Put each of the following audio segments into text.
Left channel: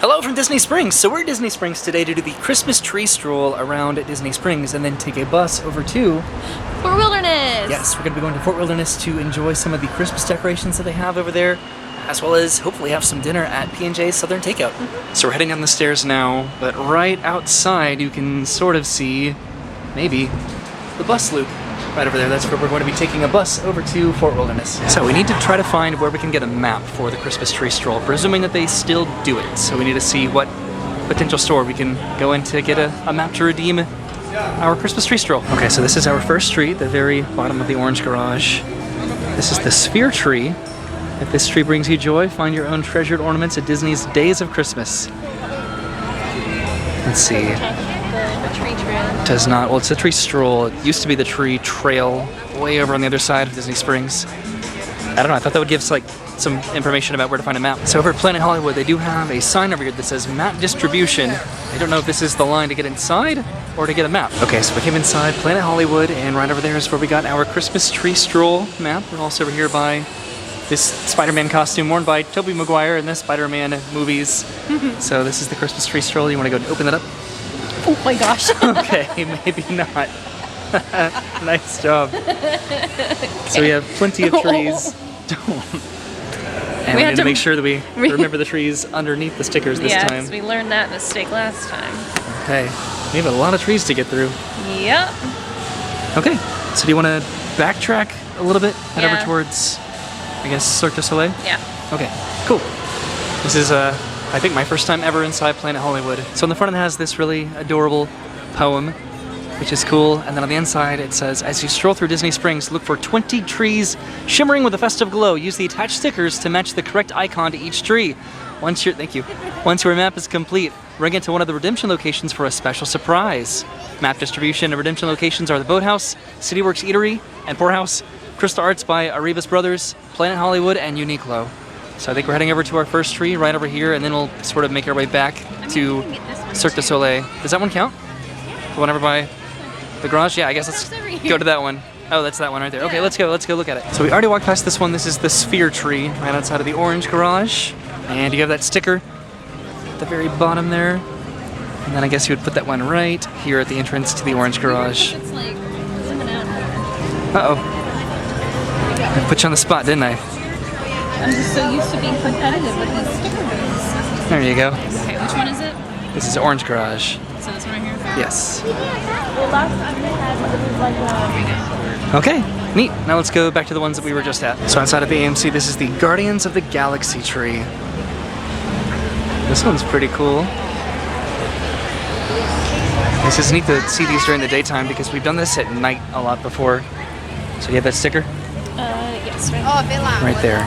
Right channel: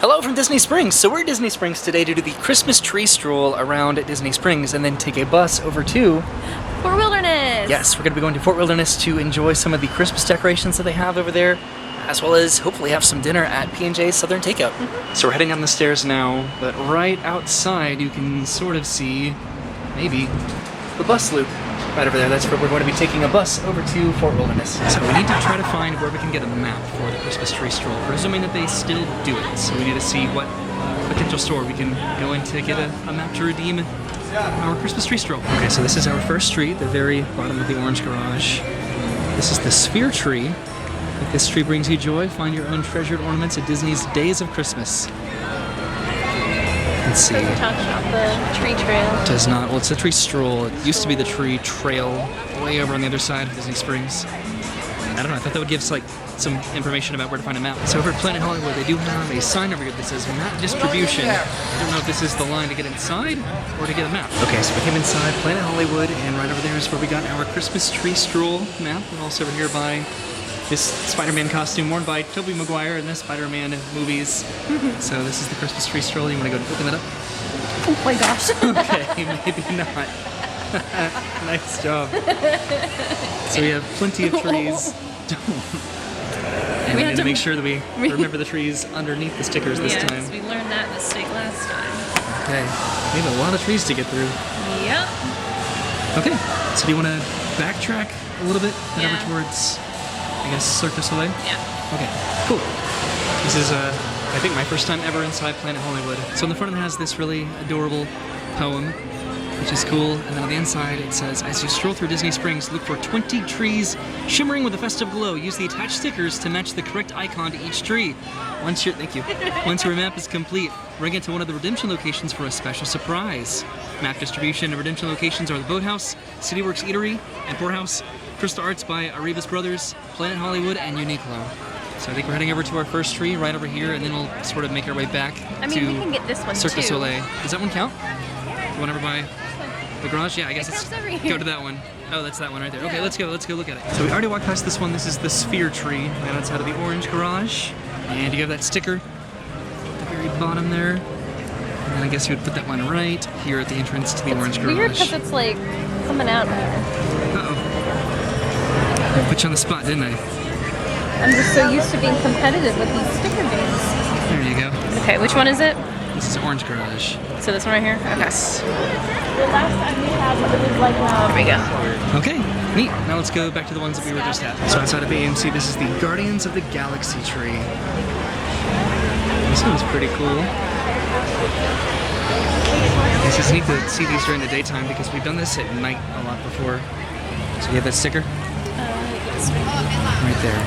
Hello from Disney Springs. So we're at Disney Springs today to do the Christmas tree stroll around Disney Springs and then take a bus over to Fort Wilderness. Yes, we're going to be going to Fort Wilderness to enjoy some of the Christmas decorations that they have over there, as well as hopefully have some dinner at P&J's Southern Takeout. So we're heading down the stairs now, but right outside you can sort of see, maybe, the bus loop. Right over there, that's where we're going to be taking a bus over to Fort Wilderness. So we need to try to find where we can get a map for the Christmas tree stroll, presuming that they still do it. So we need to see what potential store we can go in to get a map to redeem our Christmas tree stroll. Okay, so this is our first tree, the very bottom of the orange garage. This is the sphere tree. If this tree brings you joy, find your own treasured ornaments at Disney's Days of Christmas. Let's see. Doesn't talk about the tree trail. Does not. Well, it's the tree stroll. It used to be the tree trail way over on the other side of Disney Springs. I don't know. I thought that would give like some information about where to find a map. So over at Planet Hollywood, they do have a sign over here that says map distribution. I don't know if this is the line to get inside or to get a map. Okay, so we came inside Planet Hollywood, and right over there is where we got our Christmas tree stroll map. We're also over here by this Spider-Man costume worn by Tobey Maguire in the Spider-Man movies. So this is the Christmas tree stroll. You want to go and open that up? Oh my gosh. Okay, maybe not. Nice job. So we have plenty of trees. And we have to make sure that we remember the trees underneath the stickers this time. Yes, we learned that mistake last time. Okay, we have a lot of trees to get through. Yep. Okay, so do you want to backtrack a little bit, head over towards, I guess, Cirque du Soleil? Yeah. Okay, cool. This is, I think, my first time ever inside Planet Hollywood. So on the front it has this really adorable poem, which is cool. And then on the inside it says, as you stroll through Disney Springs, look for 20 trees shimmering with a festive glow. Use the attached stickers to match the correct icon to each tree. Once your map is complete, bring it to one of the redemption locations for a special surprise. Map distribution and redemption locations are the Boathouse, CityWorks Eatery, and Poorhouse, Crystal Arts by Arribas Brothers, Planet Hollywood, and Uniqlo. So I think we're heading over to our first tree right over here, and then we'll sort of make our way back to Cirque du Soleil. Does that one count? Yeah. The one over by the garage? Yeah, I guess let's go to that one. Oh, that's that one right there. Okay, let's go look at it. So we already walked past this one. This is the sphere tree right outside of the orange garage. And you have that sticker at the very bottom there. And then I guess you would put that one right here at the entrance to the orange garage. Weird because it's like coming out now. Uh-oh. I put you on the spot, didn't I? I'm just so used to being competitive with these sticker games. There you go. Okay, which one is it? This is Orange Garage. So this one right here? Yes. Well, last time we had what it was like. There we go. Okay, neat. Now let's go back to the ones that we were just at. So outside of the AMC, this is the Guardians of the Galaxy tree. This one's pretty cool. This is neat to see these during the daytime because we've done this at night a lot before. So you have that sticker? Yes, right. Right there.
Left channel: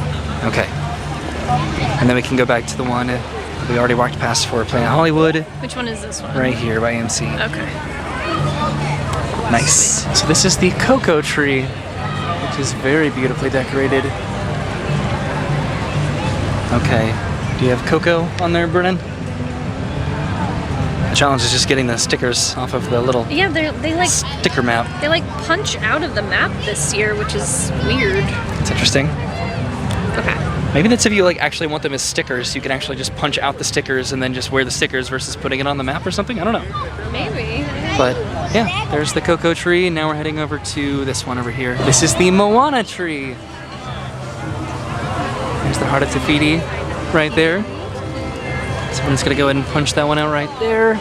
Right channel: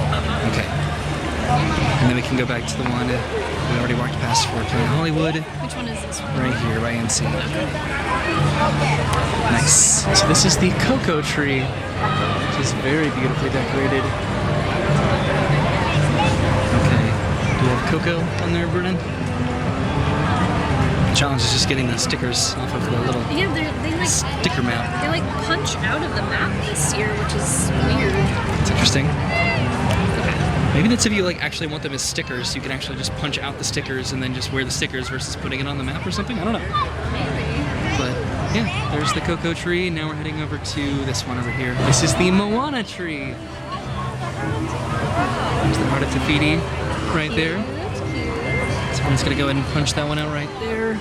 Okay. And then we can go back to the one we already walked past for Planet Hollywood. Which one is this one? Right here by AMC. Okay. Nice. So this is the cocoa tree, which is very beautifully decorated. Okay. Do you have cocoa on there, Brennan? The challenge is just getting the stickers off of the little they like sticker map. They like punch out of the map this year, which is weird. It's interesting. Okay. Maybe that's if you like actually want them as stickers, you can actually just punch out the stickers and then just wear the stickers versus putting it on the map or something. I don't know. Maybe. But yeah, there's the cocoa tree. Now we're heading over to this one over here. This is the Moana tree. There's the Heart of Tafiti right there. So I'm just gonna go ahead and punch that one out right there.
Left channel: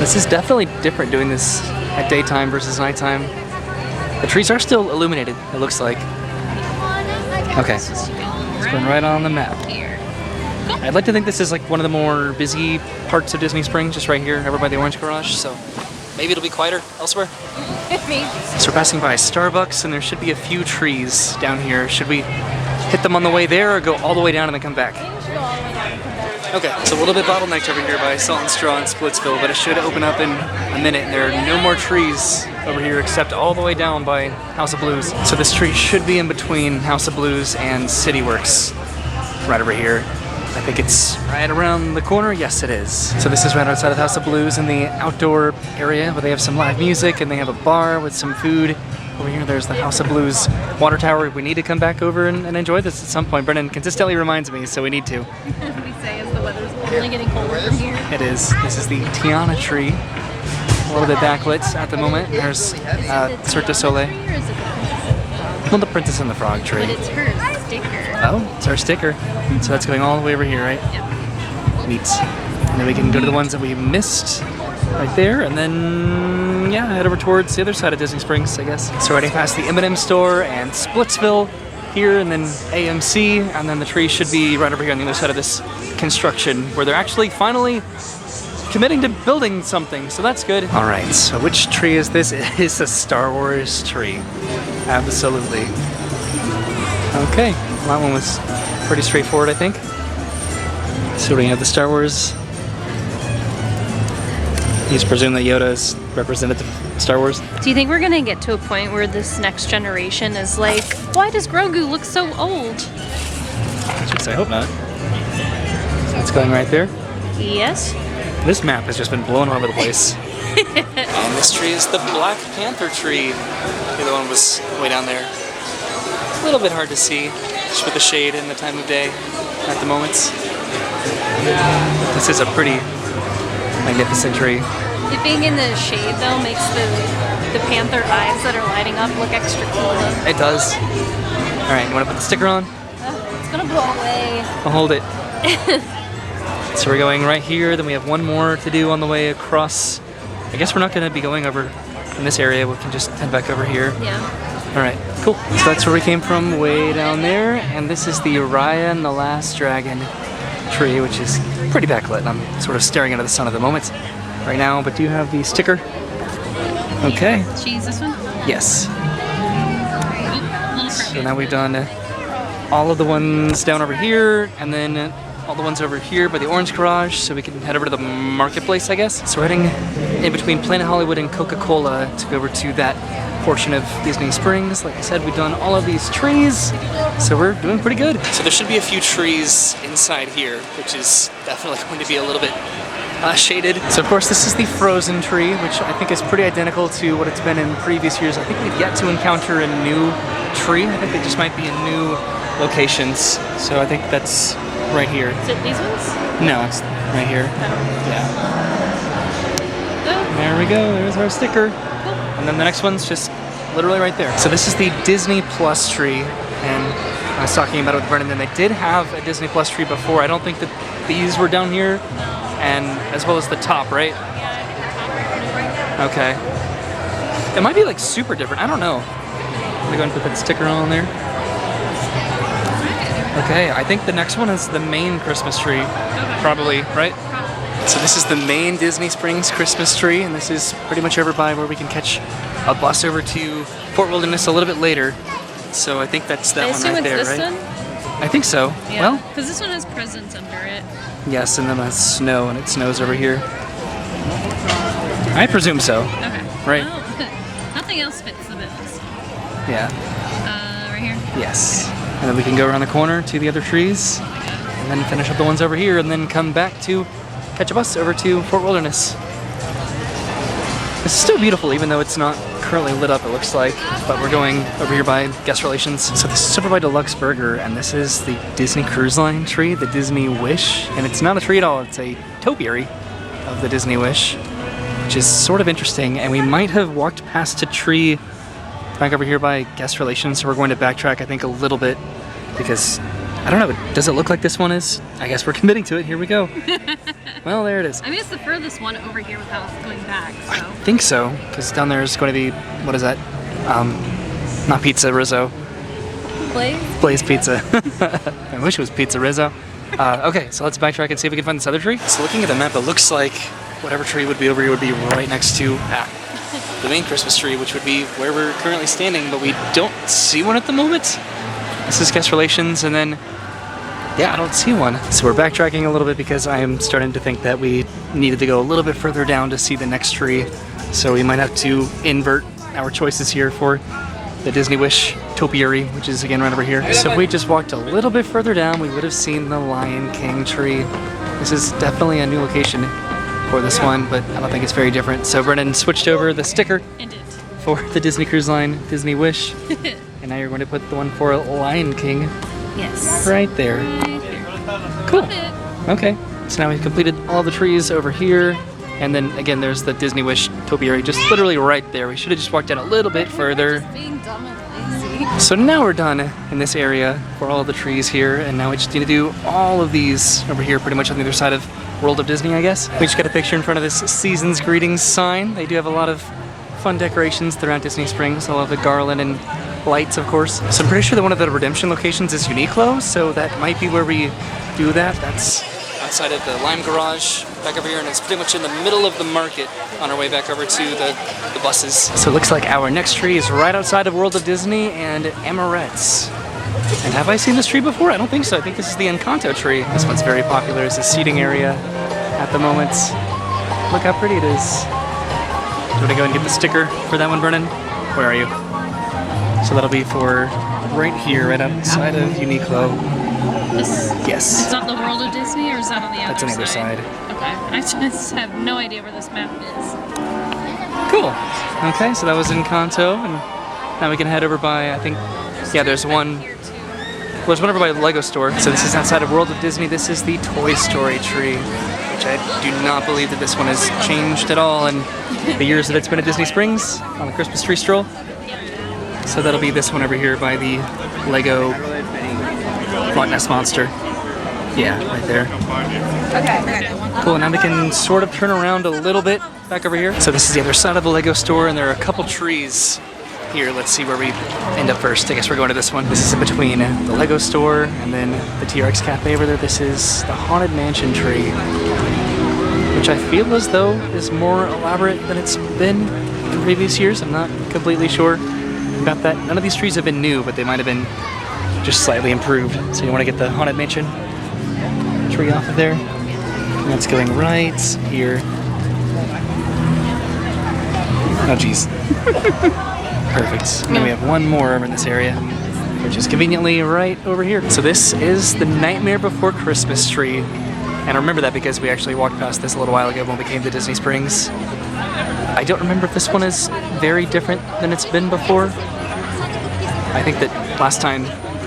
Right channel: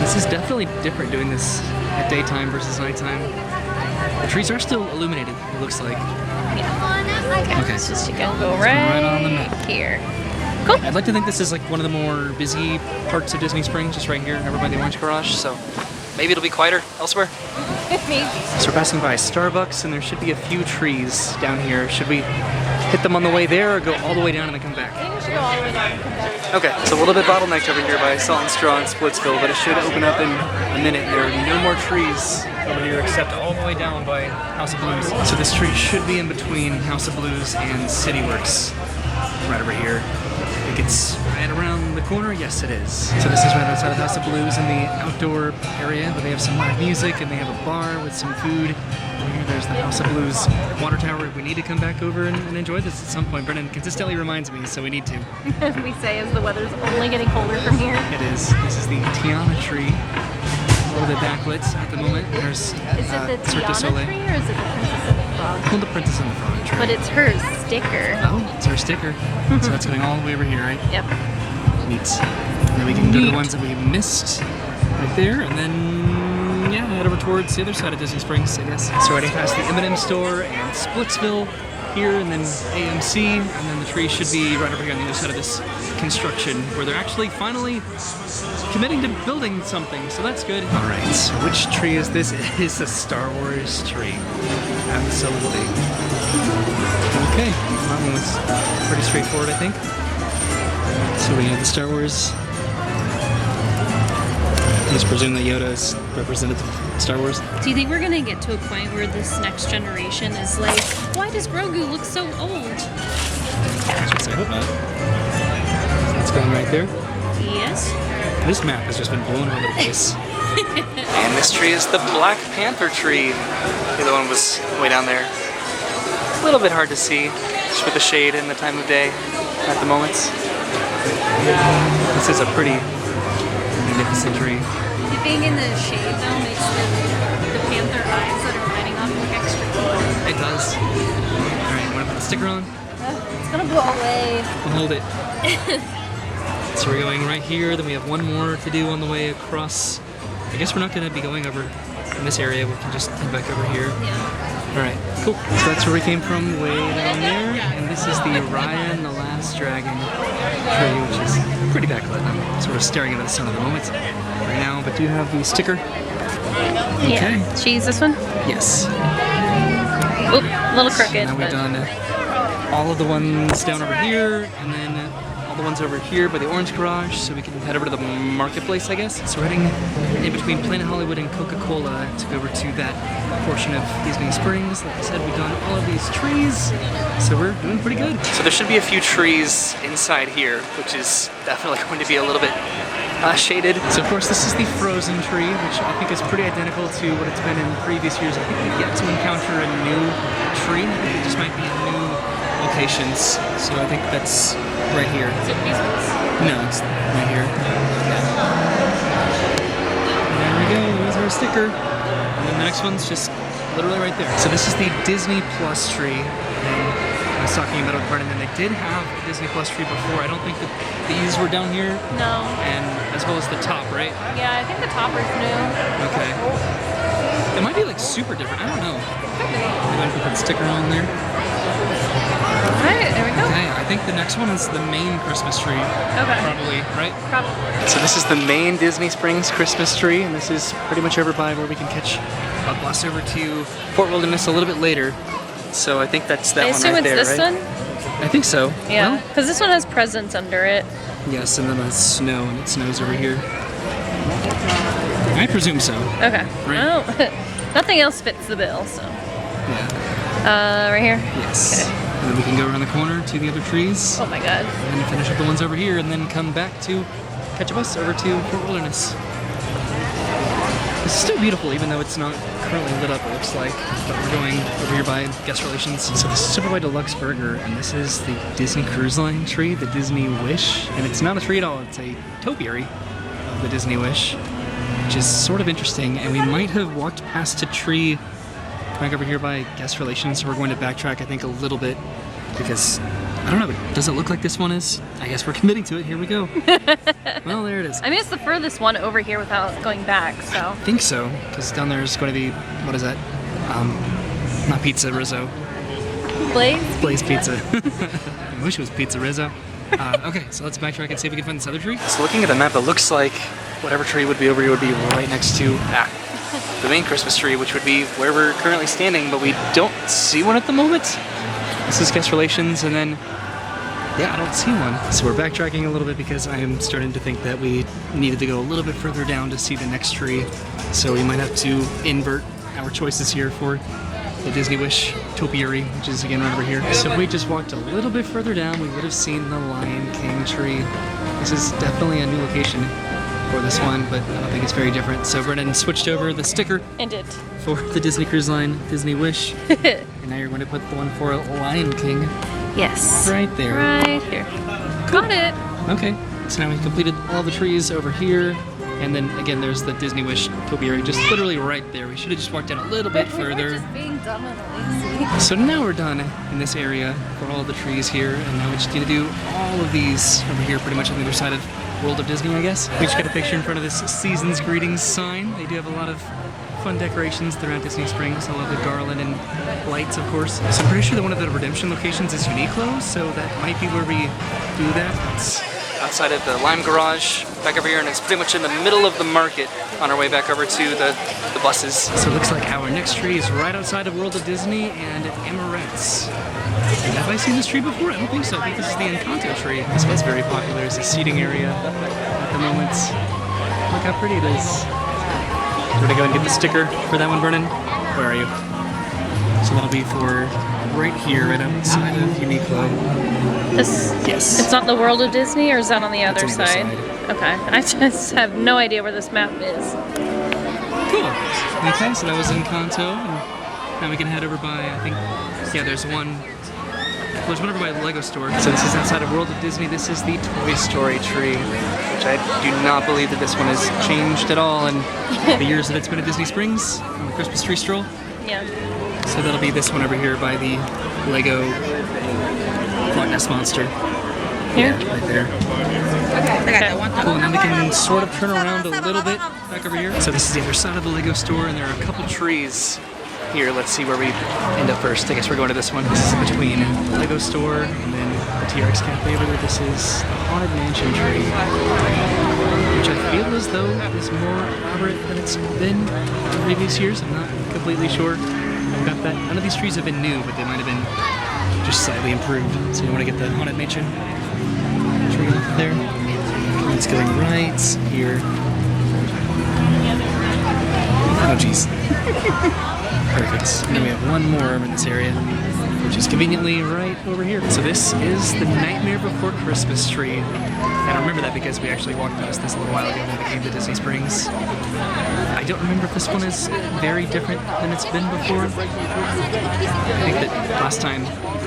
This is definitely different doing this at daytime versus nighttime. The trees are still illuminated, it looks like. Okay, so it's right on the map. Here. Cool. I'd like to think this is like one of the more busy parts of Disney Springs, just right here, over by the Orange Garage, so maybe it'll be quieter elsewhere. Maybe. So we're passing by Starbucks, and there should be a few trees down here. Should we hit them on the way there, or go all the way down and then come back? I think we should go all the way down and come back. Okay, it's a little bit bottlenecked over here by Salt and Straw and Splitsville, but it should open up in a minute. There are no more trees over here except all the way down by House of Blues. So this tree should be in between House of Blues and CityWorks, right over here. I think it's right around the corner. Yes, it is. So this is right outside of House of Blues in the outdoor area where they have some live music and they have a bar with some food. Over here, there's the House of Blues water tower. We need to come back over and enjoy this at some point. Brennan consistently reminds me, so we need to. We say as the weather's only getting colder from here. It is. This is the Tiana tree. A little bit backlit at the moment. There's Is it the Cirque du Tiana Soleil. tree or is it the Princess and the Frog? Well, the Princess and the Frog tree. But it's her sticker. Oh, it's our sticker. So that's going all the way over here, right? Yep. Neat. And then we can go to the ones that we missed right there, and then, yeah, head over towards the other side of Disney Springs, I guess. So heading past the M&M store and Splitsville here, and then AMC, and then the tree should be right over here on the other side of this construction, where they're actually finally committing to building something, so that's good. All right, so which tree is this? It is a Star Wars tree. Absolutely. Okay, that one was pretty straightforward, I think. So we have the Star Wars. Just presume that Yoda is represented Star Wars. Do you think we're gonna get to a point where this next generation is like, why does Grogu look so old? I hope not. It's going right there. Yes. This map has just been blown all over the place. And this tree is the Black Panther tree. The other one was way down there. A little bit hard to see, just with the shade and the time of day at the moments. This is a pretty magnificent tree. The being in the shade though makes the panther eyes that are lighting up look extra cool. It does. Alright, want to put the sticker on? It's gonna blow away. I'll hold it. So we're going right here, then we have one more to do on the way across. I guess we're not going to be going over in this area, we can just head back over here. Yeah. Alright, cool. So that's where we came from, way down there, and this is the Raya and the Last Dragon tree, which is pretty backlit. I'm sort of staring into the sun at the moment right now, but do you have the sticker? Okay. Yeah. Cheese this one? Yes. Oop, a little crooked. Now we've done all of the ones down over here, and then all the ones over here by the Orange Garage, so we can head over to the marketplace, I guess. So we're heading in between Planet Hollywood and Coca-Cola to go over to that portion of Disney Springs. Like I said, we've done all of these trees, so we're doing pretty good. So there should be a few trees inside here, which is definitely going to be a little bit shaded. So of course this is the Frozen tree, which I think is pretty identical to what it's been in previous years. I think we've yet to encounter a new tree. I think it just might be new locations. So I think that's right here. Is it these ones? No, it's right here. Yeah. There we go. There's our sticker. And then the next one's just literally right there. So this is the Disney Plus tree. And I was talking about it with Brennan, and they did have a Disney Plus tree before. I don't think that these were down here. No. And as well as the top, right? Yeah, I think the top was new. Okay. It might be like super different. I don't know. We're going to put that sticker on there. Okay, I think the next one is the main Christmas tree. Okay. Probably, right? Probably. So this is the main Disney Springs Christmas tree, and this is pretty much over by where we can catch a bus over to Fort Wilderness a little bit later. So I think that's that I one assume right it's there, this right? one? I think so. Yeah. Well, Because this one has presents under it. yes, and then the snow, and it snows over here. I presume so. Okay. Right. Well, nothing else fits the bill, so. Yeah. Right here? Yes. Okay. And then we can go around the corner to the other trees, Oh my god. and then finish up the ones over here, and then come back to catch a bus over to Fort Wilderness. It's still beautiful, even though it's not currently lit up, it looks like. But we're going over here by guest relations. So this is over by Deluxe Burger, and this is the Disney Cruise Line tree, the Disney Wish. And it's not a tree at all, it's a topiary of the Disney Wish, which is sort of interesting. And we might have walked past a tree back over here by guest relations, so we're going to backtrack, I think, a little bit, because I don't know, does it look like this one is? I guess we're committing to it. Here we go. Well, there it is. I mean, it's the furthest one over here without going back, so. I think so, because down there is going to be, what is that? Not pizza, Rizzo. Blaze Pizza. I wish it was Pizza Rizzo. Okay, so let's backtrack and see if we can find this other tree. So looking at the map, it looks like whatever tree would be over here would be right next to the main Christmas tree, which would be where we're currently standing, but we don't see one at the moment. This is guest relations, and then, yeah, I don't see one. So we're backtracking a little bit because I am starting to think that we needed to go a little bit further down to see the next tree. So we might have to invert our choices here for the Disney Wish topiary, which is again right over here. So if we just walked a little bit further down, we would have seen the Lion King tree. This is definitely a new location for this one, but I don't think it's very different. So Brennan switched over the sticker for the Disney Cruise Line Disney Wish. And now you're going to put the one for Lion King. Yes. Right there. Right here. Cool. Got it. Okay. So now we've completed all the trees over here. And then again, there's the Disney Wish topiary just literally right there. We should have just walked down a little bit further. We're just being dumb and lazy. So now we're done in this area for all of the trees here. And now we just need to do all of these over here pretty much on the other side of World of Disney, I guess. We just got a picture in front of this Season's Greetings sign. They do have a lot of fun decorations throughout Disney Springs. I love the garland and lights, of course. So I'm pretty sure that one of the redemption locations is Uniqlo, so that might be where we do that. That's outside of the Lime Garage, back over here, and it's pretty much in the middle of the market on our way back over to the buses. So it looks like our next tree is right outside of World of Disney and Amorette's. And have I seen this tree before? I don't think so. I think this is the Encanto tree. This one's very popular as a seating area at the moment. Look how pretty it is. You want to go and get the sticker for that one, Brennan? Where are you? So that'll be for right here, right outside of Uniqlo. Yes. It's not the World of Disney, or is that on the other It's on the other side? Okay. I just have no idea where this map is. Cool. Okay, so that was Encanto, and now we can head over by, I think, yeah, there's one over by the Lego store. So this is outside of World of Disney. This is the Toy Story tree, which I do not believe that this one has changed at all in the years that it's been at Disney Springs on the Christmas tree stroll. Yeah. So that'll be this one over here by the Lego Loch Ness Monster. Yeah, right there. Okay. I got that one. Cool, now we can sort of turn around a little bit back over here. So this is the other side of the Lego store, and there are a couple trees here. Let's see where we end up first. I guess we're going to this one. This is in between the Lego store and then the TRX Cafe over there. This is the Haunted Mansion tree, which I feel as though is more elaborate than it's been in previous years. I'm not completely sure about that. None of these trees have been new, but they might have been just slightly improved. So you want to get the Haunted Mansion tree off of there. And that's going right here. Oh, jeez. Perfect. And then we have one more over in this area, which is conveniently right over here. So this is the Nightmare Before Christmas tree. And I remember that because we actually walked past this a little while ago when we came to Disney Springs. I don't remember if this one is very different than it's been before. I think that last time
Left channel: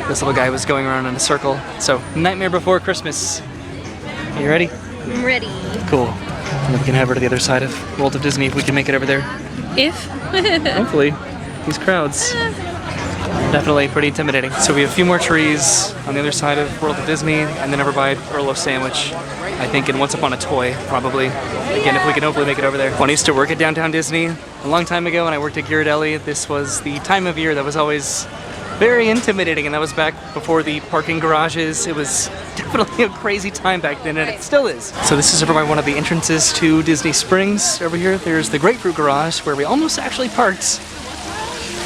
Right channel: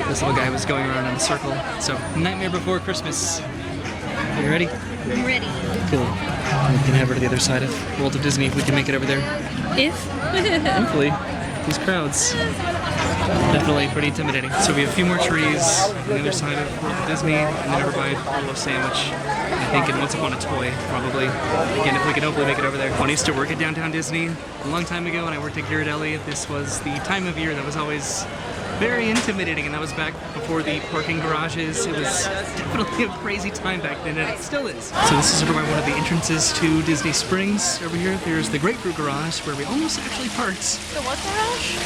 this little guy was going around in a circle. So, Nightmare Before Christmas. Are you ready? I'm ready. Cool. And we can head over to the other side of World of Disney if we can make it over there. If? Hopefully. These crowds. Definitely pretty intimidating. So we have a few more trees on the other side of World of Disney, and then over by Earl of Sandwich, I think, and Once Upon a Toy, probably. Again, if we can hopefully make it over there. When I used to work at downtown Disney a long time ago, and I worked at Ghirardelli, this was the time of year that was always very intimidating, and that was back before the parking garages. It was definitely a crazy time back then, and it still is. So this is over by one of the entrances to Disney Springs. Over here, there's the Grapefruit Garage, where we almost actually parked.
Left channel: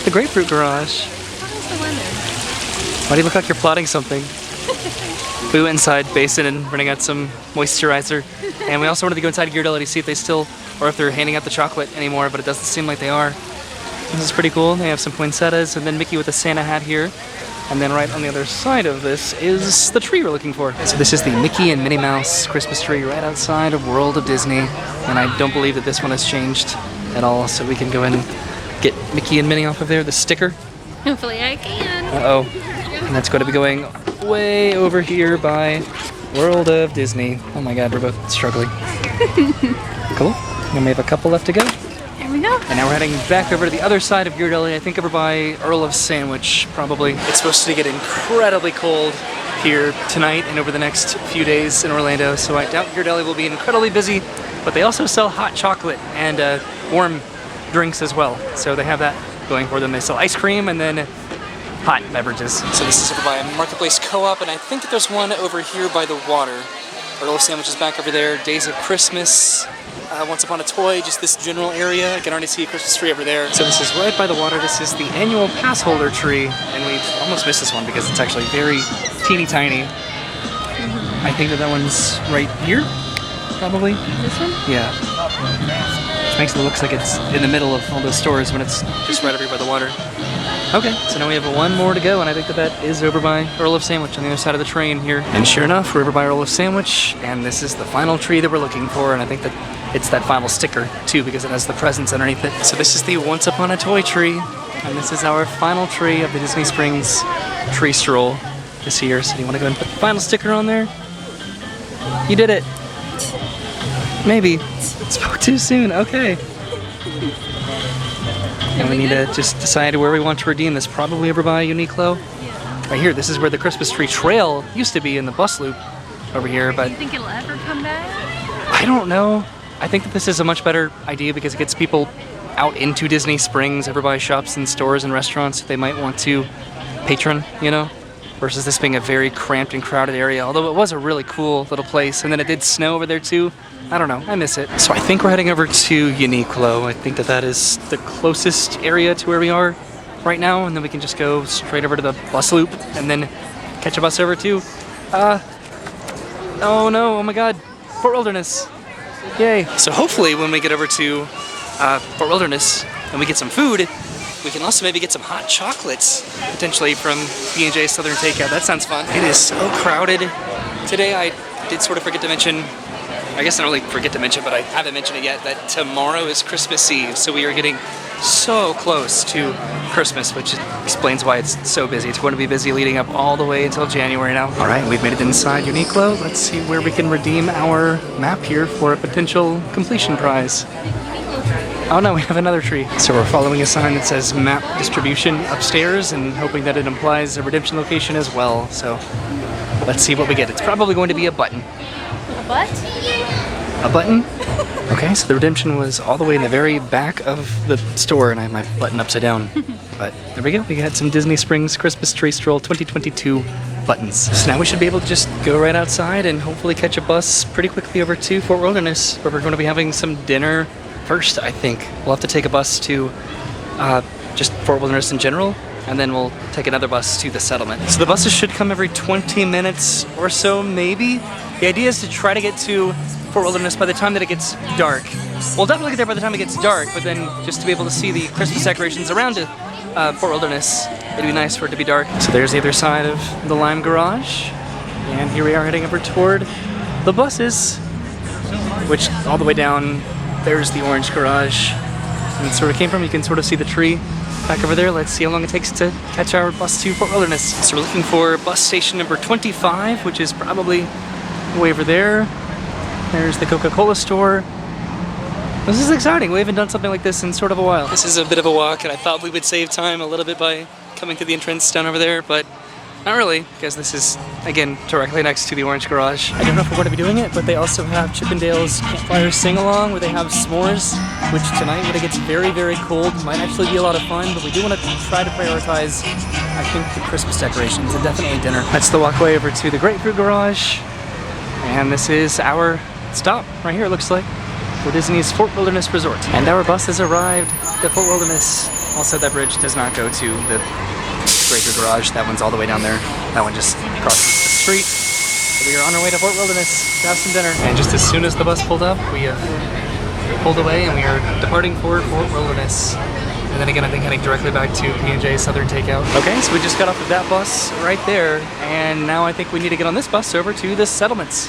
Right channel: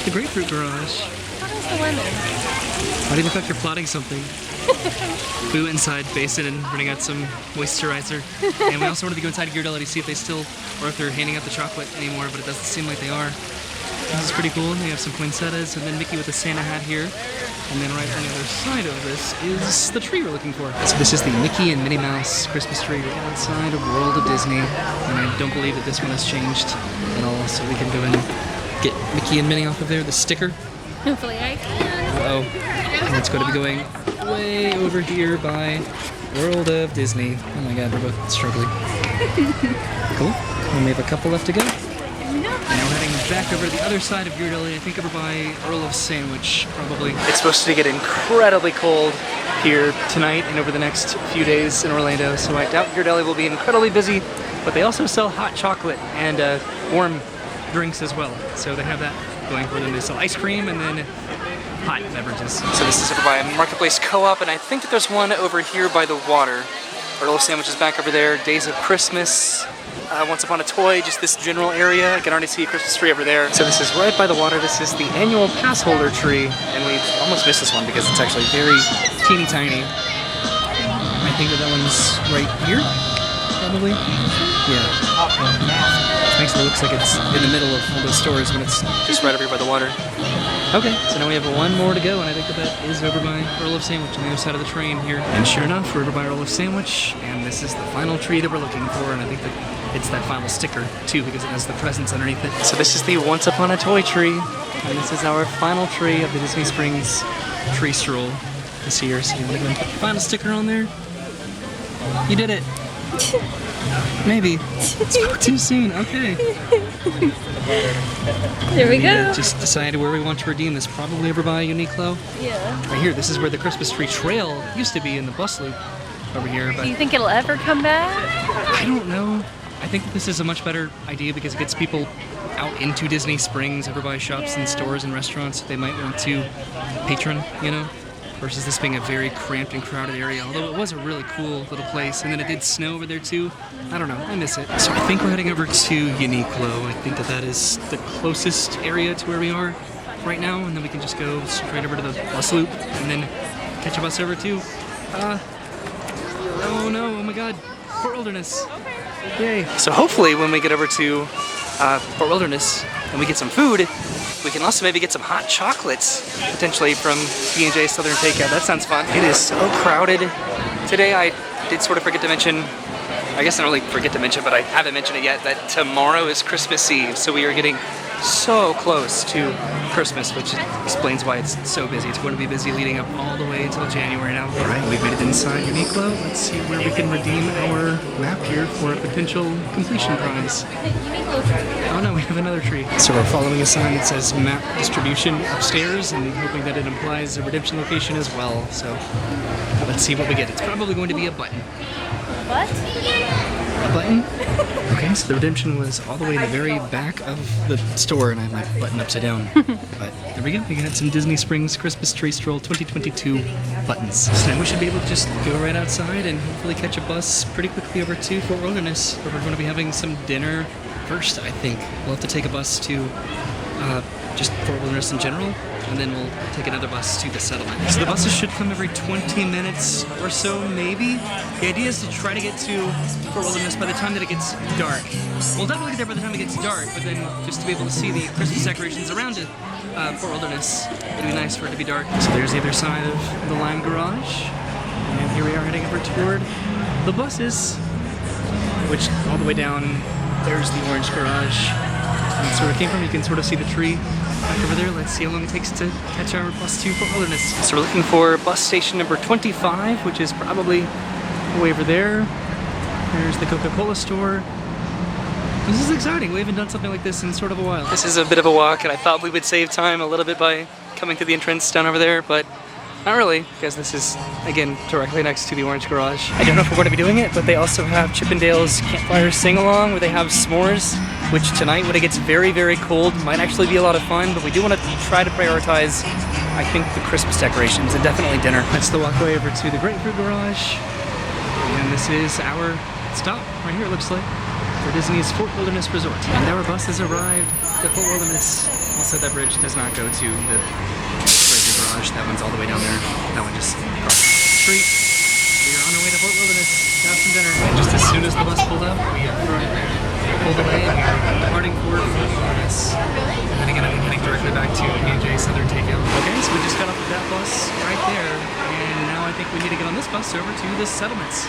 The Grapefruit Garage. What is the lemon? Why do you look like you're plotting something? We went inside Basin and running out some moisturizer, and we also wanted to go inside Ghirardelli to see if they still, or if they're handing out the chocolate anymore, but it doesn't seem like they are. This is pretty cool. They have some poinsettias, and then Mickey with a Santa hat here. And then right on the other side of this is the tree we're looking for. So this is the Mickey and Minnie Mouse Christmas tree right outside of World of Disney. And I don't believe that this one has changed at all, so we can go in and get Mickey and Minnie off of there, the sticker. Hopefully I can. Uh-oh. And that's going to be going way over here by World of Disney. Oh my god, we're both struggling. Cool. And we have a couple left to go. There we go. And now we're heading back over to the other side of Ghirardelli, I think over by Earl of Sandwich, probably. It's supposed to get incredibly cold here tonight and over the next few days in Orlando, so I doubt Ghirardelli will be incredibly busy, but they also sell hot chocolate and warm drinks as well. So they have that going for them. They sell ice cream and then hot beverages. So this is over by Marketplace Co-op, and I think that there's one over here by the water. Earl of Sandwich is back over there. Days of Christmas, Once Upon a Toy, just this general area. I can already see a Christmas tree over there. So this is right by the water. This is the annual pass holder tree, and we almost missed this one because it's actually very teeny tiny. I think that one's right here, probably. This one? Yeah. Makes it look like it's in the middle of all those stores when it's just right over here by the water. Okay, so now we have one more to go, and I think that is over by Earl of Sandwich on the other side of the train here. And sure enough, we're over by Earl of Sandwich, and this is the final tree that we're looking for, and I think that it's that final sticker, too, because it has the presents underneath it. So this is the Once Upon a Toy tree, and this is our final tree of the Disney Springs tree stroll this year. So you want to go and put the final sticker on there? You did it. Maybe. It's too soon. Okay. There we need go. to just decide where we want to redeem this. Probably over by Uniqlo. Yeah. Right here. This is where the Christmas tree trail used to be in the bus loop over here. But Do you think it'll ever come back? I don't know. I think that this is a much better idea because it gets people out into Disney Springs, everybody shops in stores and restaurants they might want to patron, you know, versus this being a very cramped and crowded area, although it was a really cool little place. And then it did snow over there too. I don't know, I miss it. So I think we're heading over to Uniqlo. I think that that is the closest area to where we are right now, and then we can just go straight over to the bus loop and then catch a bus over to, oh no, oh my god, Fort Wilderness. Yay. So hopefully when we get over to Fort Wilderness and we get some food, we can also maybe get some hot chocolates, potentially from B&J Southern Takeout. That sounds fun. It is so crowded. Today I did sort of forget to mention, I guess I don't really forget to mention, but I haven't mentioned it yet, that tomorrow is Christmas Eve. So we are getting so close to Christmas, which explains why it's so busy. It's going to be busy leading up all the way until January now. All right, we've made it inside Uniqlo. Let's see where we can redeem our map here for a potential completion prize. Oh no, we have another tree. So we're following a sign that says map distribution upstairs and hoping that it implies a redemption location as well. So let's see what we get. It's probably going to be a button. A butt? A button? Okay, so the redemption was all the way in the very back of the store, and I have my button upside down. But there we go. We got some Disney Springs Christmas Tree Stroll 2022 buttons. So now we should be able to just go right outside and hopefully catch a bus pretty quickly over to Fort Wilderness, where we're going to be having some dinner first, I think. We'll have to take a bus to just Fort Wilderness in general, and then we'll take another bus to the settlement. So the buses should come every 20 minutes or so, maybe. The idea is to try to get to Fort Wilderness by the time that it gets dark. We'll definitely get there by the time it gets dark, but then just to be able to see the Christmas decorations around it, Fort Wilderness, it'd be nice for it to be dark. So there's the other side of the Lime Garage, and here we are heading over toward the buses, which all the way down, there's the Orange Garage. And so where it came from, you can sort of see the tree back over there. Let's see how long it takes to catch our bus to Fort Wilderness. So we're looking for bus station number 25, which is probably way over there. There's the Coca-Cola store. This is exciting. We haven't done something like this in sort of a while. This is a bit of a walk, and I thought we would save time a little bit by coming to the entrance down over there, but not really, because this is, again, directly next to the Orange Garage. I don't know if we're going to be doing it, but they also have Chippendale's Campfire Sing-Along, where they have s'mores, which tonight, when it gets very, very cold, might actually be a lot of fun, but we do want to try to prioritize, I think, the Christmas decorations and definitely dinner. That's the walkway over to the Grapefruit Garage, and this is our stop right here, it looks like, for Disney's Fort Wilderness Resort. And our bus has arrived at Fort Wilderness. Also, that bridge does not go to the Grapefruit Garage. That one's all the way down there. That one just crosses the street. So we are on our way to Fort Wilderness to have some dinner. And just as soon as the bus pulled up, we pulled away and we are departing for Fort Wilderness. And then again, I think heading directly back to B&J Southern Takeout. Okay, so we just got off of that bus right there. And now I think we need to get on this bus over to the settlements.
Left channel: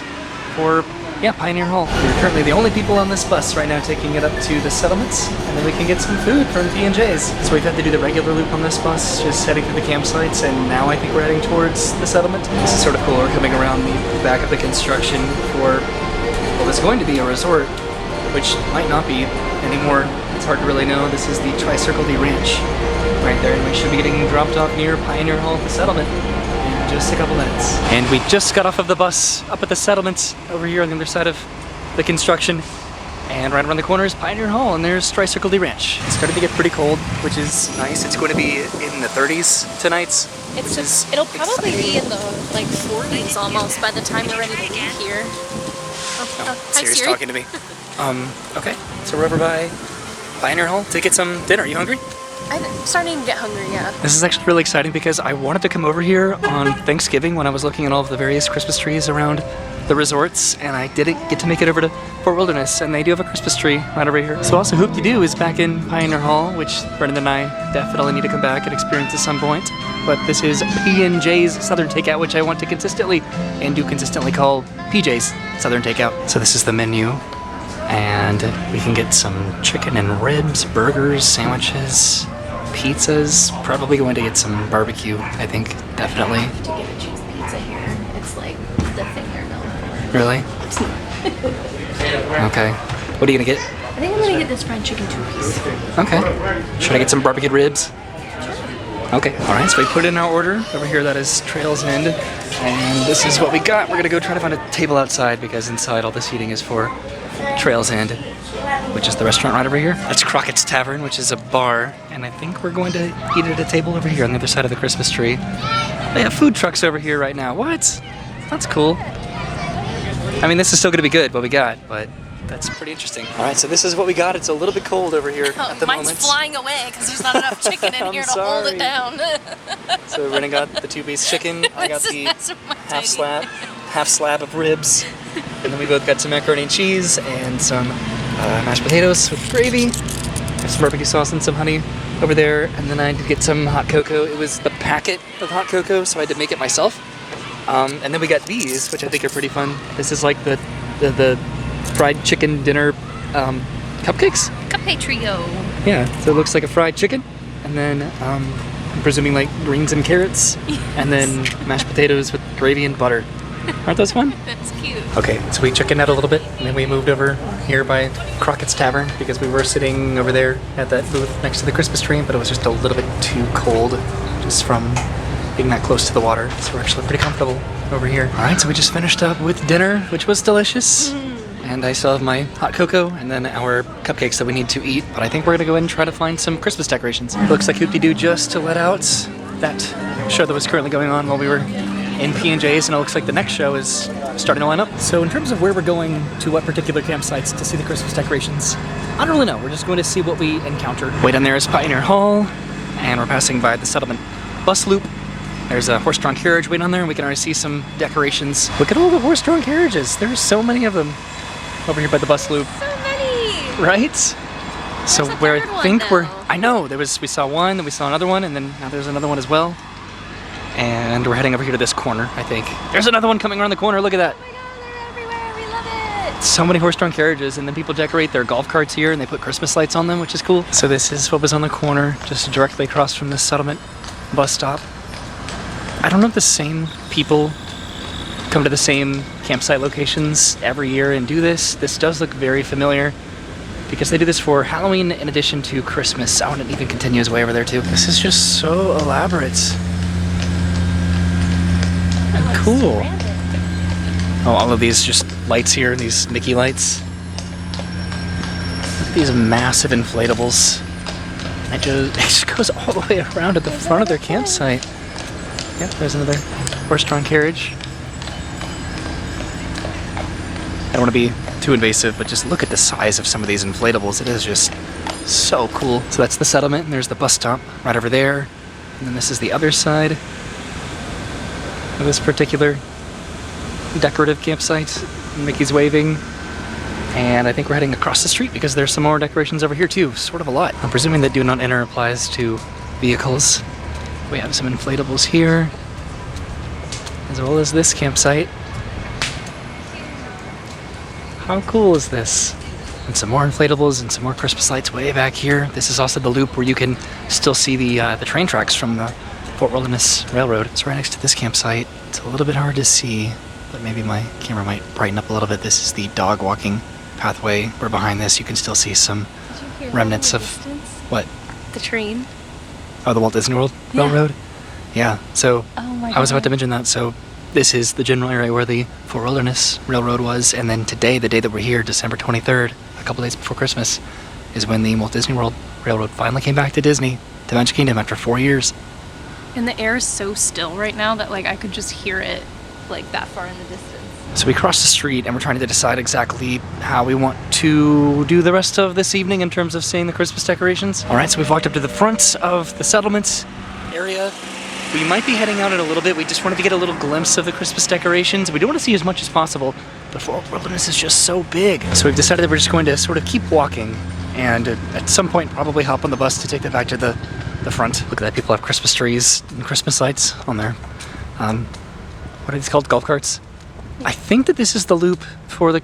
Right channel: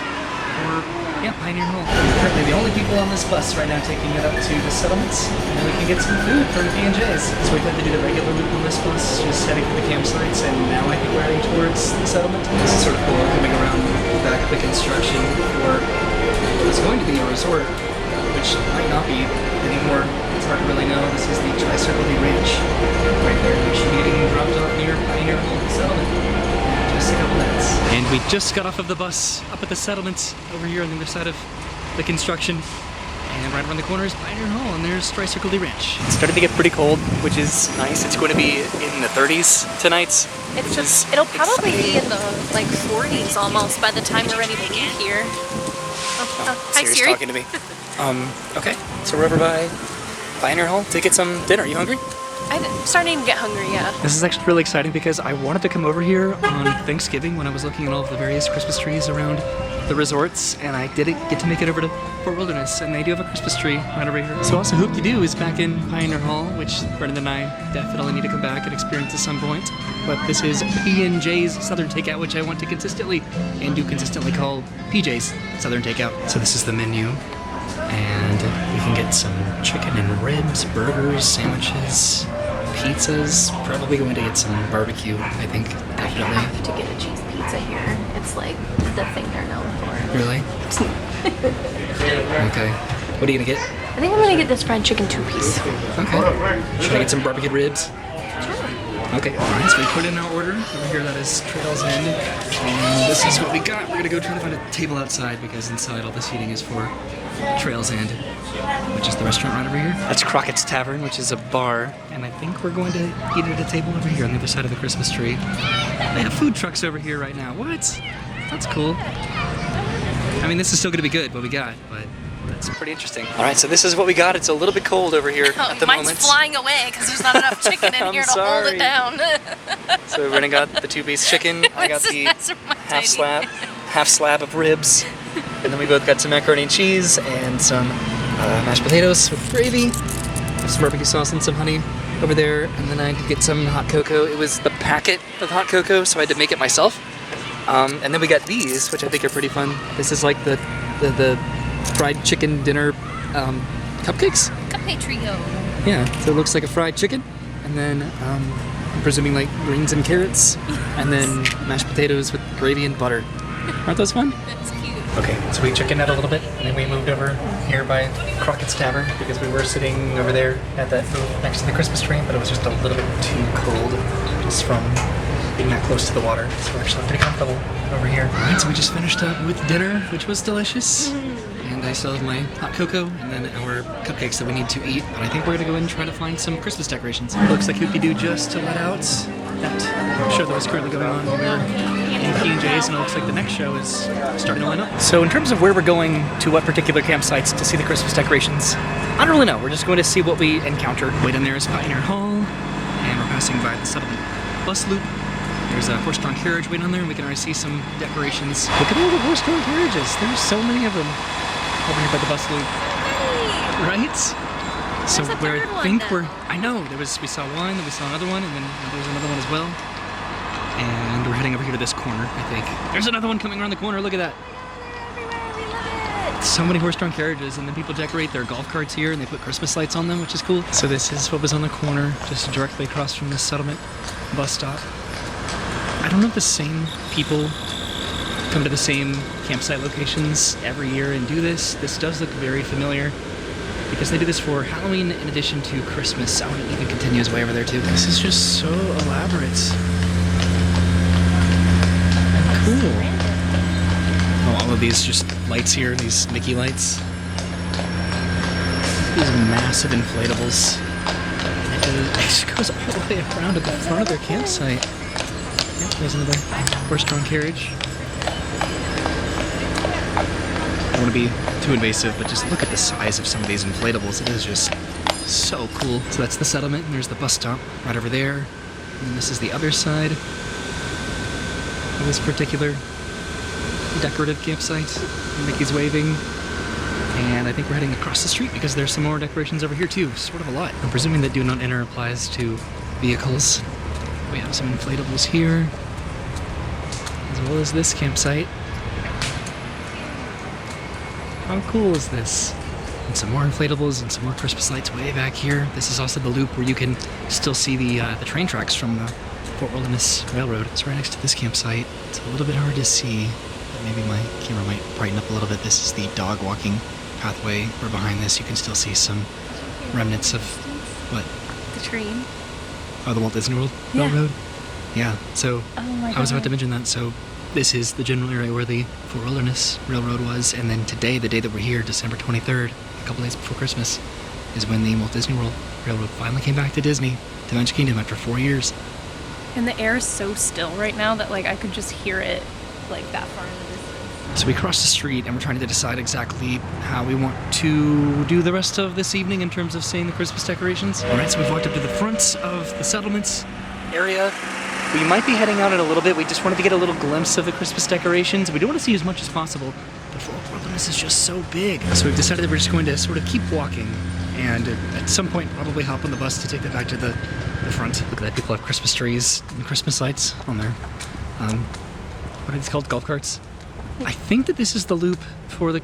Or, yeah, Pioneer Hall. We're currently the only people on this bus right now taking it up to the settlements, and then we can get some food from P&J's. So we've had to do the regular loop on this bus, just heading to the campsites, and now I think we're heading towards the settlement. This is sort of cool, coming around the back of the construction for what was going to be a resort, which might not be anymore. It's hard to really know. This is the Tri-Circle D Ranch right there. We should be getting dropped off near Pioneer Hall at the settlement. Just a couple minutes. And we just got off of the bus up at the settlements over here on the other side of the construction. And right around the corner is Pioneer Hall, and there's Tri-Circle D Ranch. It's starting to get pretty cold, which is nice. It's going to be in the 30s tonight, which is It'll probably exciting. be in the like 40s almost by the time we're ready to leave here. Oh, hi, Siri's Siri. talking to me. Okay, so we're over by Pioneer Hall to get some dinner. You hungry? I'm starting to get hungry, yeah. This is actually really exciting because I wanted to come over here on Thanksgiving when I was looking at all of the various Christmas trees around the resorts, and I didn't get to make it over to Fort Wilderness, and they do have a Christmas tree right over here. So also Hoop-de-Doo is back in Pioneer Hall, which Brendan and I definitely need to come back and experience at some point. But this is P&J's Southern Takeout, which I want to consistently and do consistently call PJ's Southern Takeout. So this is the menu, and we can get some chicken and ribs, burgers, sandwiches, pizzas. Probably going to get some barbecue, I think, I definitely. have to get a cheese pizza here. It's like the thing they're known for. Really? Okay. What are you gonna get? I think I'm gonna get this fried chicken 2-piece. Okay. Should I get some barbecued ribs? Okay. Alright, so we put in our order. Over here that is Trails End. And this is what we got. We're gonna go try to find a table outside because inside all the seating is for Trails End, which is the restaurant right over here. That's Crockett's Tavern, which is a bar. And I think we're going to eat at a table over here on the other side of the Christmas tree. They have food trucks over here right now. What? That's cool. I mean, this is still gonna be good, what we got, but that's pretty interesting. All right, so this is what we got. It's a little bit cold over here at the moment. Mine's flying away because there's not enough chicken in here to hold it down. So Brennan got the 2-piece chicken. I got the half slab of ribs. And then we both got some macaroni and cheese and some mashed potatoes with gravy. Some barbecue sauce and some honey over there. And then I did get some hot cocoa. It was the packet of hot cocoa, so I had to make it myself. And then we got these, which I think are pretty fun. This is like the fried chicken dinner cupcakes. Cupcake trio. Yeah, so it looks like a fried chicken, and then I'm presuming like greens and carrots, and then mashed potatoes with gravy and butter. Aren't those fun? That's cute. Okay, so we chickened out a little bit, and then we moved over here by Crockett's Tavern because we were sitting over there at that booth next to the Christmas tree, but it was just a little bit too cold just from being that close to the water, so we're actually pretty comfortable over here. Alright, so we just finished up with dinner, which was delicious. And I still have my hot cocoa and then our cupcakes that we need to eat. But I think we're gonna go ahead and try to find some Christmas decorations. It looks like Hoop-de-Doo just let out that show that was currently going on while we were in P&J's, and it looks like the next show is starting to line up. So in terms of where we're going to what particular campsites to see the Christmas decorations, I don't really know. We're just going to see what we encounter. Way down there is Pioneer Hall, and we're passing by the Settlement bus loop. There's a horse-drawn carriage way down there, and we can already see some decorations. Look at all the horse-drawn carriages. There's so many of them over here by the bus loop. So many. Right? So There's a where third I one, think we're, though. I know, we saw one, then we saw another one, and then now there's another one as well. And we're heading over here to this corner, I think. There's another one coming around the corner, look at that. Everywhere, we love it. So many horse-drawn carriages, and then people decorate their golf carts here, and they put Christmas lights on them, which is cool. So this is what was on the corner, just directly across from the Settlement bus stop. I don't know if the same people come to the same campsite locations every year and do this. This does look very familiar because they do this for Halloween in addition to Christmas. Oh, and it even continues way over there too. This is just so elaborate and cool. Oh, all of these just lights here, these Mickey lights. These massive inflatables. It just goes all the way around at the front of their campsite. Yep, there's another horse-drawn carriage. I don't want to be too invasive, but just look at the size of some of these inflatables. It is just so cool. So that's the Settlement, and there's the bus stop right over there. And then this is the other side of this particular decorative campsite. Mickey's waving. And I think we're heading across the street because there's some more decorations over here too. Sort of a lot. I'm presuming that do not enter applies to vehicles. We have some inflatables here, as well as this campsite. How cool is this? And some more inflatables and some more Christmas lights way back here. This is also the loop where you can still see the train tracks from the Fort Wilderness Railroad. It's right next to this campsite. It's a little bit hard to see, but maybe my camera might brighten up a little bit. This is the dog walking pathway, where behind this you can still see some remnants of what? The train. Oh, the Walt Disney World Railroad? Yeah, so Oh my god. I was about to mention that. So this is the general area where the Fort Wilderness Railroad was, and then today, the day that we're here, December 23rd, a couple days before Christmas, is when the Walt Disney World Railroad finally came back to Disney, to Magic Kingdom, after 4 years. And the air is so still right now that like I could just hear it like that far in the distance. So we crossed the street, and we're trying to decide exactly how we want to do the rest of this evening in terms of seeing the Christmas decorations. All right, so we've walked up to the front of the Settlements area, We might be heading out in a little bit. We just wanted to get a little glimpse of the Christmas decorations. We do want to see as much as possible. The Fort Wilderness is just so big. So we've decided that we're just going to sort of keep walking and at some point probably hop on the bus to take them back to the front. Look at that, people have Christmas trees and Christmas lights on there. What are these called, golf carts? I think that this is the loop for the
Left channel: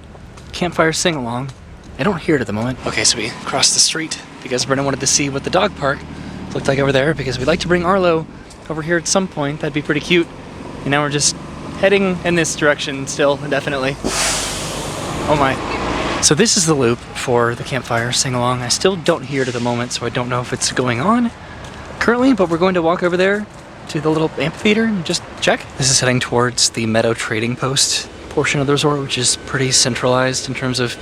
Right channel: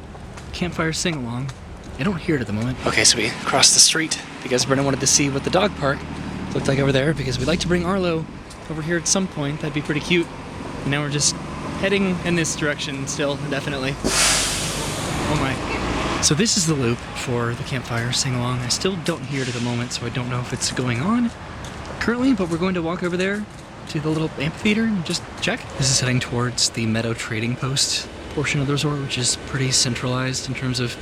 campfire sing-along. I don't hear it at the moment. Okay, so we crossed the street because Brennan wanted to see what the dog park looked like over there because we'd like to bring Arlo over here at some point. That'd be pretty cute. And now we're just heading in this direction still, indefinitely. Oh my. So this is the loop for the campfire sing-along. I still don't hear it at the moment, so I don't know if it's going on currently, but we're going to walk over there to the little amphitheater and just check. This is heading towards the Meadow Trading Post portion of the resort, which is pretty centralized in terms of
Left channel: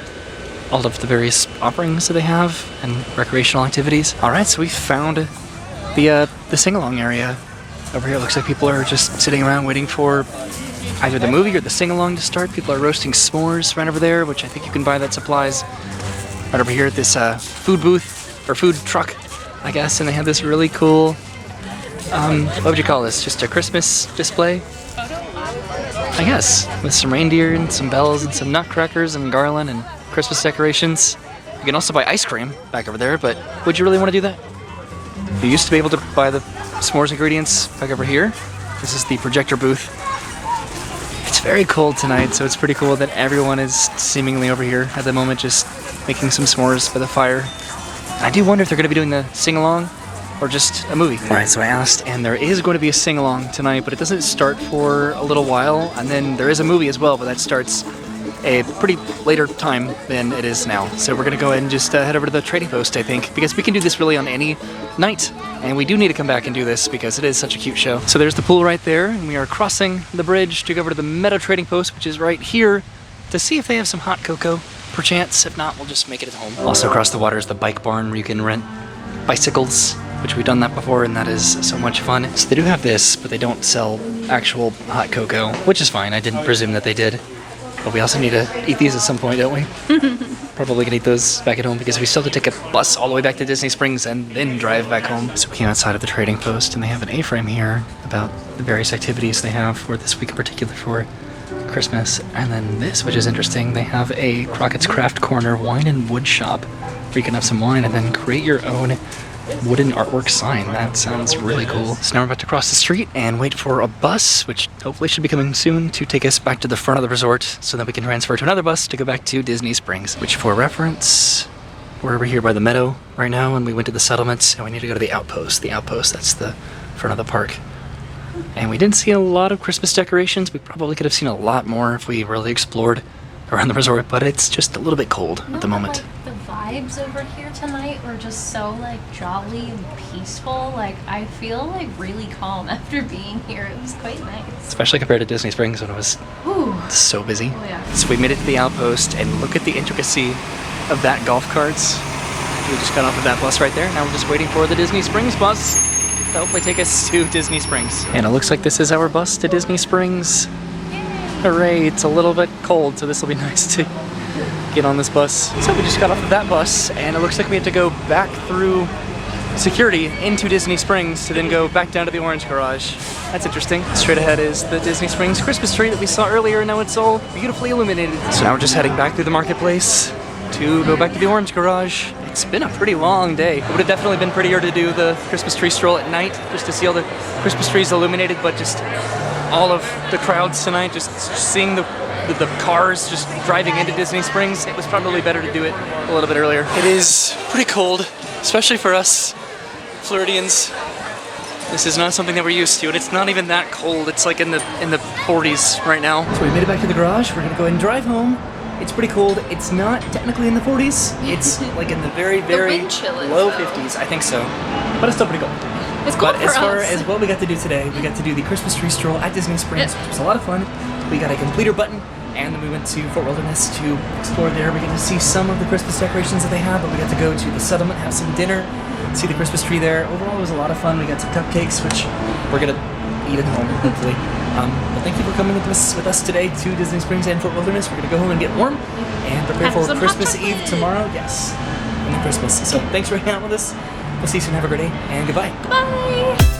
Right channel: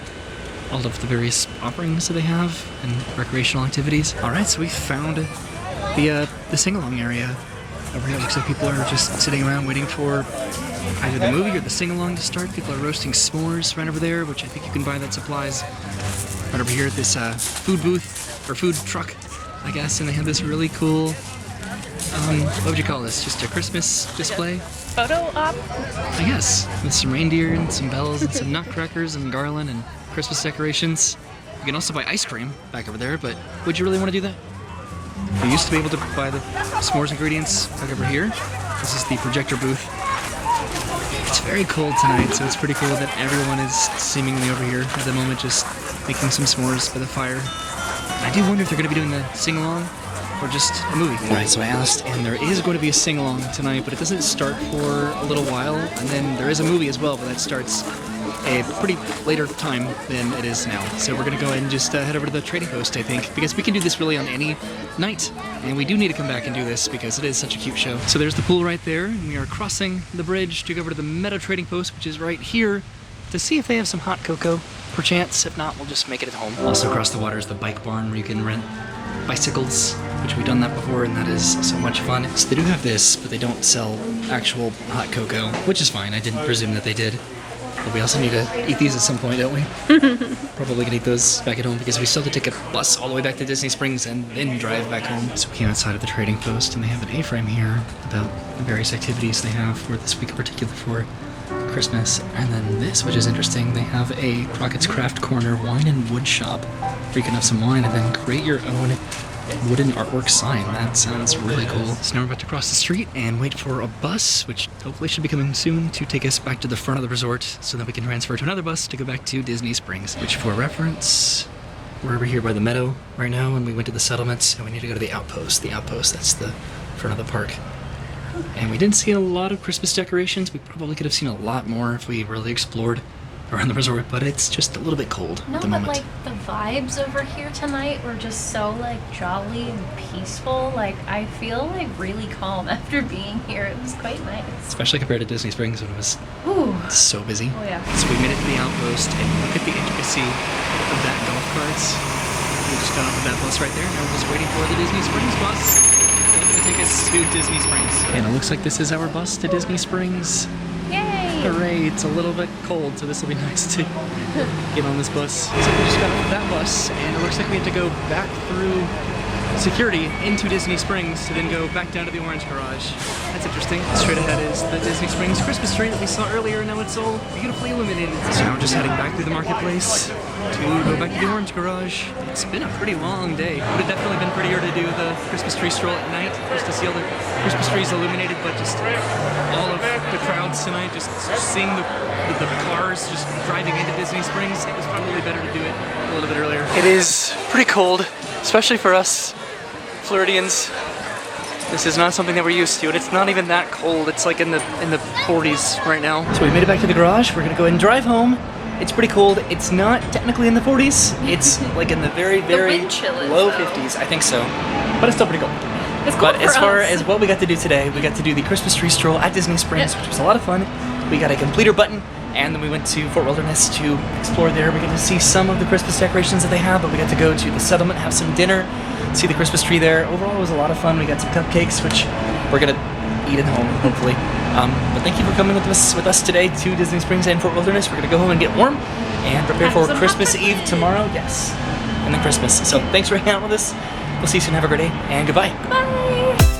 all of the various offerings that they have and recreational activities. All right, so we found the sing-along area over here. It looks like people are just sitting around waiting for either the movie or the sing-along to start. People are roasting s'mores right over there, which I think you can buy that supplies. Right over here at this food booth, or food truck, I guess, and they have this really cool, what would you call this? Just a Christmas display? Photo op? I guess, with some reindeer and some bells and some nutcrackers and garland and Christmas decorations. You can also buy ice cream back over there, but would you really want to do that? We used to be able to buy the s'mores ingredients back over here. This is the projector booth. It's very cold tonight, so it's pretty cool that everyone is seemingly over here at the moment just making some s'mores for the fire. I do wonder if they're going to be doing the sing-along or just a movie. All right, so I asked, and there is going to be a sing-along tonight, but it doesn't start for a little while, and then there is a movie as well, but that starts a pretty later time than it is now. So we're gonna go ahead and just head over to the trading post, I think, because we can do this really on any night. And we do need to come back and do this because it is such a cute show. So there's the pool right there, and we are crossing the bridge to go over to the Meadow Trading Post, which is right here, to see if they have some hot cocoa, perchance. If not, we'll just make it at home. Also across the water is the bike barn where you can rent bicycles, which we've done that before, and that is so much fun. So they do have this, but they don't sell actual hot cocoa, which is fine. I didn't presume that they did. But we also need to eat these at some point, don't we? Probably gonna eat those back at home because we still have to take a bus all the way back to Disney Springs and then drive back home. So we came outside of the trading post and they have an A-frame here about the various activities they have for this week in particular for Christmas. And then this, which is interesting, they have a Crockett's Craft Corner wine and wood shop where you can have some wine and then create your own wooden artwork sign. That sounds really cool. So now we're about to cross the street and wait for a bus, which hopefully should be coming soon, to take us back to the front of the resort so that we can transfer to another bus to go back to Disney Springs. Which, for reference, we're over here by the meadow right now, and we went to the settlements, and we need to go to the outpost. The outpost, that's the front of the park. And we didn't see a lot of Christmas decorations. We probably could have seen a lot more if we really explored around the resort, but it's just a little bit cold at the moment. Like the vibes over here tonight were just so like jolly and peaceful. Like I feel like really calm after being here. It was quite nice. Especially compared to Disney Springs when it was so busy. Oh yeah. So we made it to the outpost and look at the intricacy of that golf carts. We just got off of that bus right there. Now we're just waiting for the Disney Springs bus to hopefully take us to Disney Springs. And it looks like this is our bus to Disney Springs. Hooray, it's a little bit cold, so this will be nice to get on this bus. So we just got off of that bus, and it looks like we have to go back through security into Disney Springs to then go back down to the Orange Garage. That's interesting. Straight ahead is the Disney Springs Christmas tree that we saw earlier, and now it's all beautifully illuminated. So now we're just heading back through the marketplace to go back to the Orange Garage. It's been a pretty long day. It would have definitely been prettier to do the Christmas tree stroll at night, just to see all the Christmas trees illuminated, but just all of the crowds tonight, just seeing the cars just driving into Disney Springs, it was probably better to do it a little bit earlier. It is pretty cold, especially for us Floridians. This is not something that we're used to, and it's not even that cold. It's like in the 40s right now. So we made it back to the garage. We're gonna go ahead and drive home. It's pretty cold. It's not technically in the 40s. It's like in the very, very low 50s. I think so, but it's still pretty cold. It's cool. But as far as what we got to do today, we got to do the Christmas tree stroll at Disney Springs, which was a lot of fun. We got a completer button, and then we went to Fort Wilderness to explore there. We got to see some of the Christmas decorations that they have, but we got to go to the settlement, have some dinner, see the Christmas tree there. Overall, it was a lot of fun. We got some cupcakes, which we're gonna eat at home, hopefully. But thank you for coming with us today to Disney Springs and Fort Wilderness. We're gonna go home and get warm and prepare for Christmas Eve tomorrow. Yes, and then Christmas. So thanks for hanging out with us. We'll see you soon. Have a great day, and goodbye. Bye.